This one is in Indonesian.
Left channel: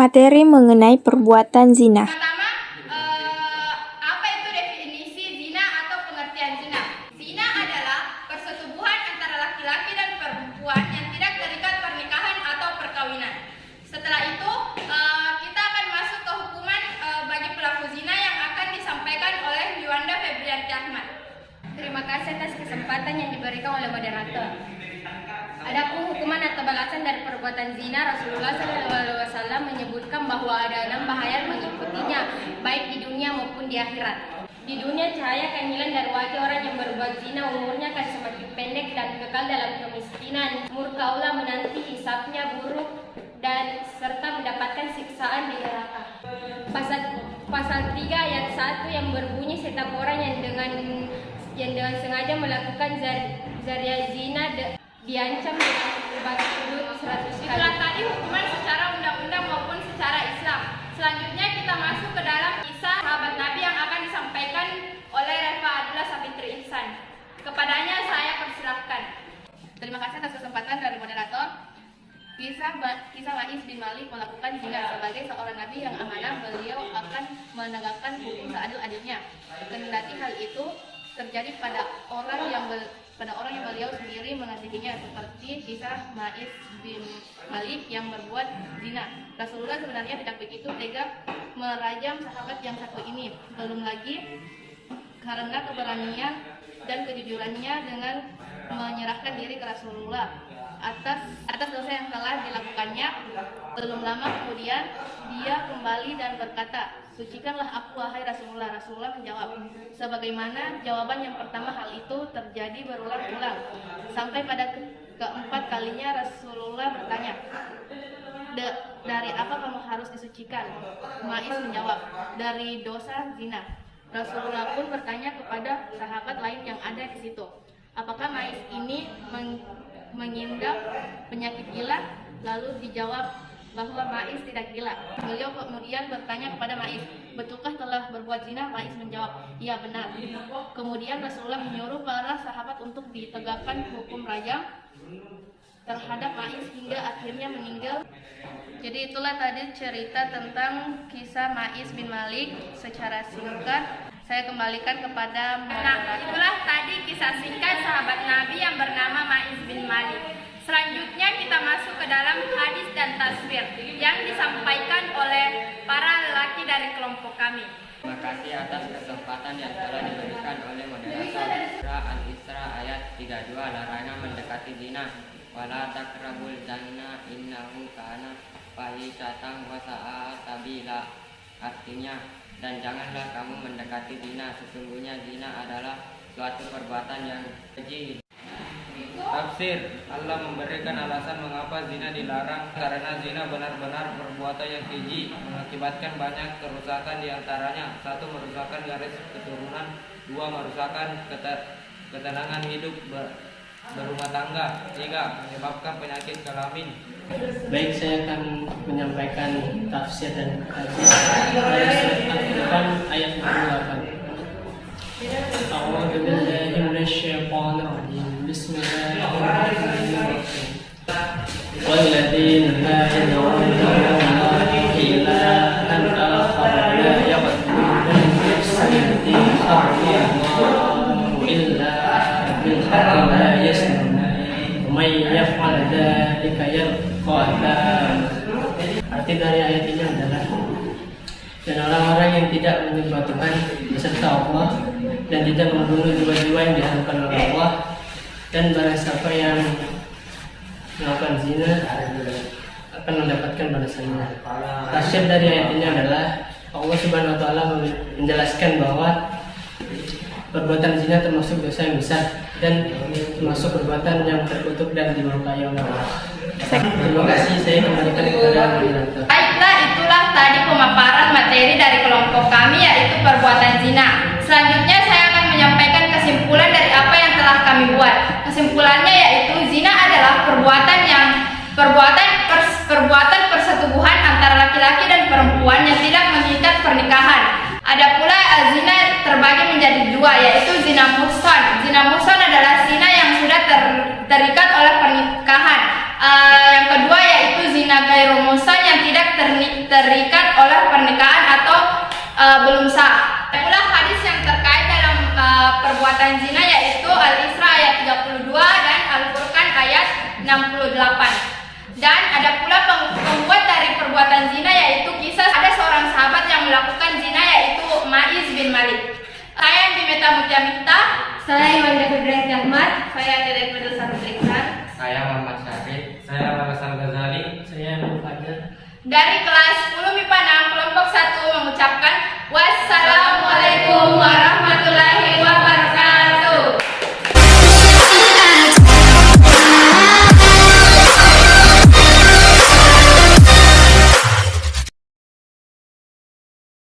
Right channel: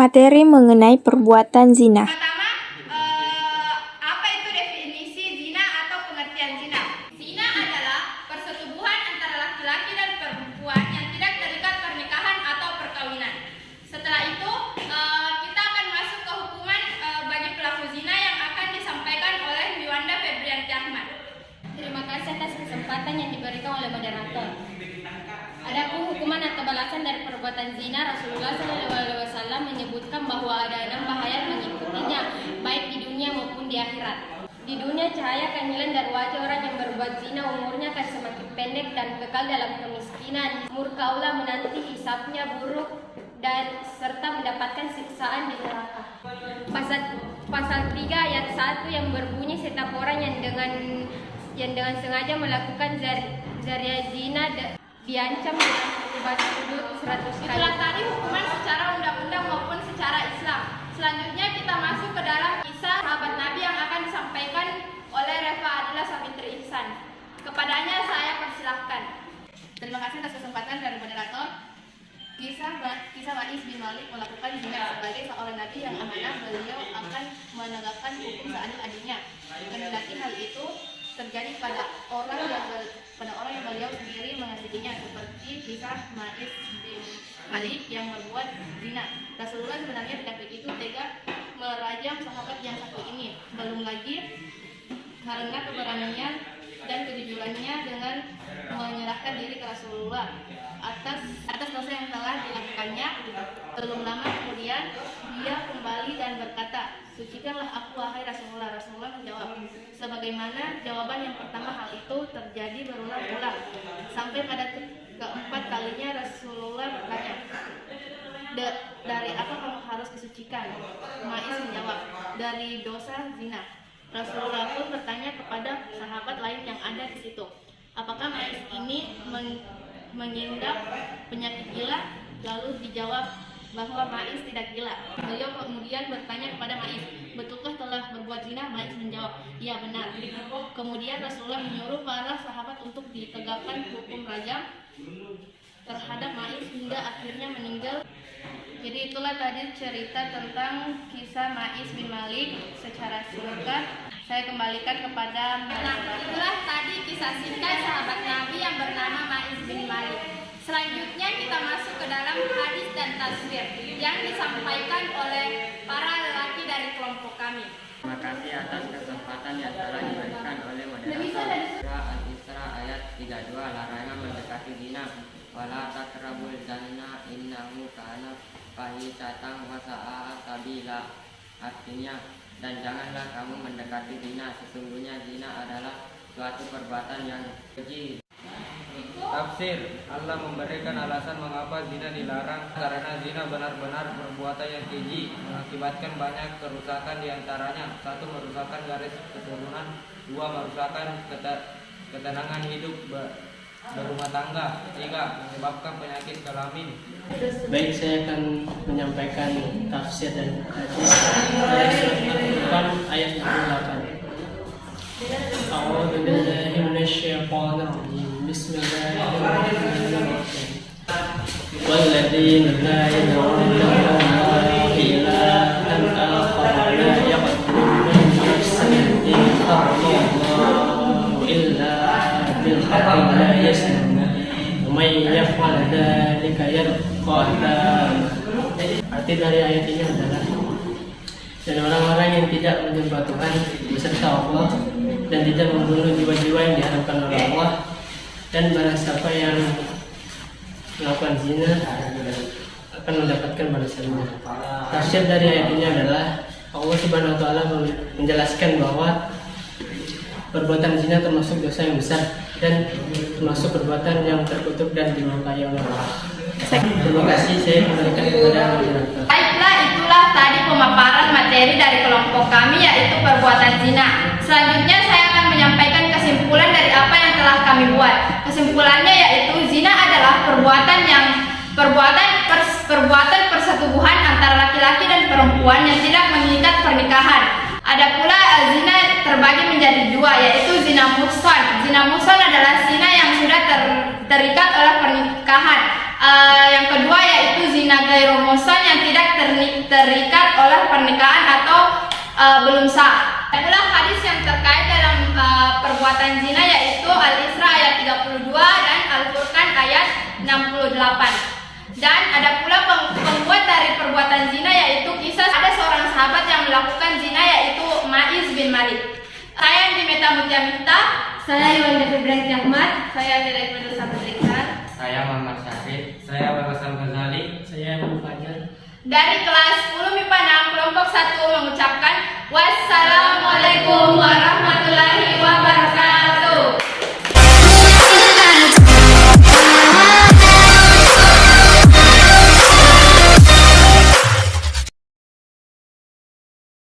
Materi mengenai perbuatan zina. Pertama, apa itu definisi zina atau pengertian zina? Zina adalah persetubuhan antara laki-laki dan perempuan yang tidak terikat pernikahan atau perkawinan. Setelah itu, kita akan masuk ke hukuman bagi pelaku zina yang akan disampaikan oleh Liwanda Febrianti Ahmad. Terima kasih atas kesempatan yang diberikan oleh moderator. Adapun hukuman atau balasan dari perbuatan zina, Rasulullah SAW menyebutkan bahwa ada 6 bahaya mengikutinya, baik di dunia maupun di akhirat. Di dunia, cahaya akan hilang dari wajah orang yang berbuat zina, umurnya akan semakin pendek dan kekal dalam kemiskinan. Murka Allah menanti hisabnya buruk dan serta mendapatkan siksaan di neraka. Pasal 3 ayat 1 yang berbunyi setiap orang yang dengan sengaja melakukan zariah zina diancam dengan hukuman sudut 100 kali. Itulah tadi hukuman secara undang-undang maupun secara Islam. Selanjutnya kita masuk ke dalam kisah sahabat Nabi yang akan disampaikan oleh Reva Adila Sabitri Ihsan. Kepadanya saya persilahkan. Terima kasih atas kesempatan dari moderator. Kisah Ma'is bin Malik melakukan zina. Sebagai seorang nabi yang amanah, beliau akan menegakkan hukum seadil-adilnya. Kendati hal itu terjadi pada orang yang beliau sendiri mengasihinya, seperti kisah Ma'is bin Malik yang berbuat zina. Rasulullah sebenarnya tidak begitu tega merajam sahabat yang satu ini, belum lagi karena keberaniannya dan kejujurannya dengan menyerahkan diri ke Rasulullah atas dosa yang telah dilakukannya. Belum lama kemudian dia kembali dan berkata, "Sucikanlah aku wahai Rasulullah." Rasulullah menjawab, sebagaimana jawaban yang pertama, hal itu terjadi berulang-ulang. Sampai pada keempat kalinya Rasulullah bertanya, "Dari apa kamu harus disucikan?" Ma'is menjawab, "Dari dosa zina." Rasulullah pun bertanya kepada sahabat lain yang ada di situ, apakah Ma'is ini mengidap penyakit gila? Lalu dijawab bahwa Ma'is tidak gila. Beliau kemudian bertanya kepada Ma'is, "Betulkah telah berbuat zina?" Ma'is menjawab, "Iya benar." Kemudian Rasulullah menyuruh para sahabat untuk ditegakkan hukum rajam terhadap Ma'is hingga akhirnya meninggal. Jadi itulah tadi cerita tentang kisah Ma'is bin Malik secara singkat. Saya kembalikan kepada Nah, itulah tadi kisah singkat sahabat Nabi yang bernama Ma'is bin Malik. Selanjutnya kita masuk ke dalam hadis dan tasbir yang disampaikan oleh para lelaki dari kelompok kami. Terima kasih atas kesempatan yang telah diberikan oleh moderator. Surah Al-Isra ayat 32, larangan mendekati zina. Wala taqrabul zina innahu kana fahisatan wa sa'a sabila. Artinya, dan janganlah kamu mendekati zina, sesungguhnya zina adalah suatu perbuatan yang keji. Tafsir, Allah memberikan alasan mengapa zina dilarang karena zina benar-benar perbuatan yang keji, mengakibatkan banyak kerusakan diantaranya. 1. Merusakkan garis keturunan. 2. Merusakkan ketenangan hidup berumah tangga. 3. Menyebabkan penyakit kelamin. Baik, saya akan menyampaikan tafsir dan hadis Al-Quran ayat 28. A'udzu billahi minasyaitonir rajim. Bismillahirrahmanirrahim. Walladzina la yad'una ma'allahi ilahan akhar la yaqdiruna nafsan allati harramallahu illa bil haqqi wa la yasma'una wa may yaf'al dzalika yalqa athama. Arti dari ayat ini adalah, dan orang-orang yang tidak menyembah Tuhan beserta Allah dan tidak membunuh jiwa-jiwa yang diharamkan oleh Allah, dan barang siapa yang melakukan zina akan mendapatkan balasannya. Tafsir dari ayat ini adalah Allah Subhanahu wa taala menjelaskan bahwa perbuatan zina termasuk dosa yang besar dan termasuk perbuatan yang terkutuk dan dimurkai oleh Allah. Terima kasih, saya kembalikan kepada moderator. Baiklah, itulah tadi pemaparan materi dari kelompok kami, yaitu perbuatan zina. Selanjutnya saya akan menyampaikan kesimpulan dari apa yang telah kami buat. Kesimpulannya yaitu zina adalah perbuatan persetubuhan antara laki-laki dan perempuan yang tidak mengikat pernikahan. Ada pula zina terbagi menjadi 2, yaitu zina muhsan. Zina muhsan adalah zina yang sudah terikat oleh pernikahan. Yang kedua yaitu zina ghairu muhsan yang tidak terikat oleh pernikahan atau belum sah. Ada pula hadis yang terkait dalam perbuatan zina yaitu Al-Isra ayat 32 dan Al-Furqan ayat 68. Dan ada pula pembuat dari perbuatan zina yaitu kisah ada seorang sahabat yang melakukan zina yaitu Ma'iz bin Malik. Saya Dimeta Mutia Miftah. Saya Iwan Ibrahim Ahmad. Saya dari Penutusan Pemerintahan. Saya Muhammad Syahid. Saya Warasal Ghazali. Saya Nur Fajar. Dari kelas 10 MIPA 6 kelompok 1 mengucapkan wassalamualaikum warahmatullahi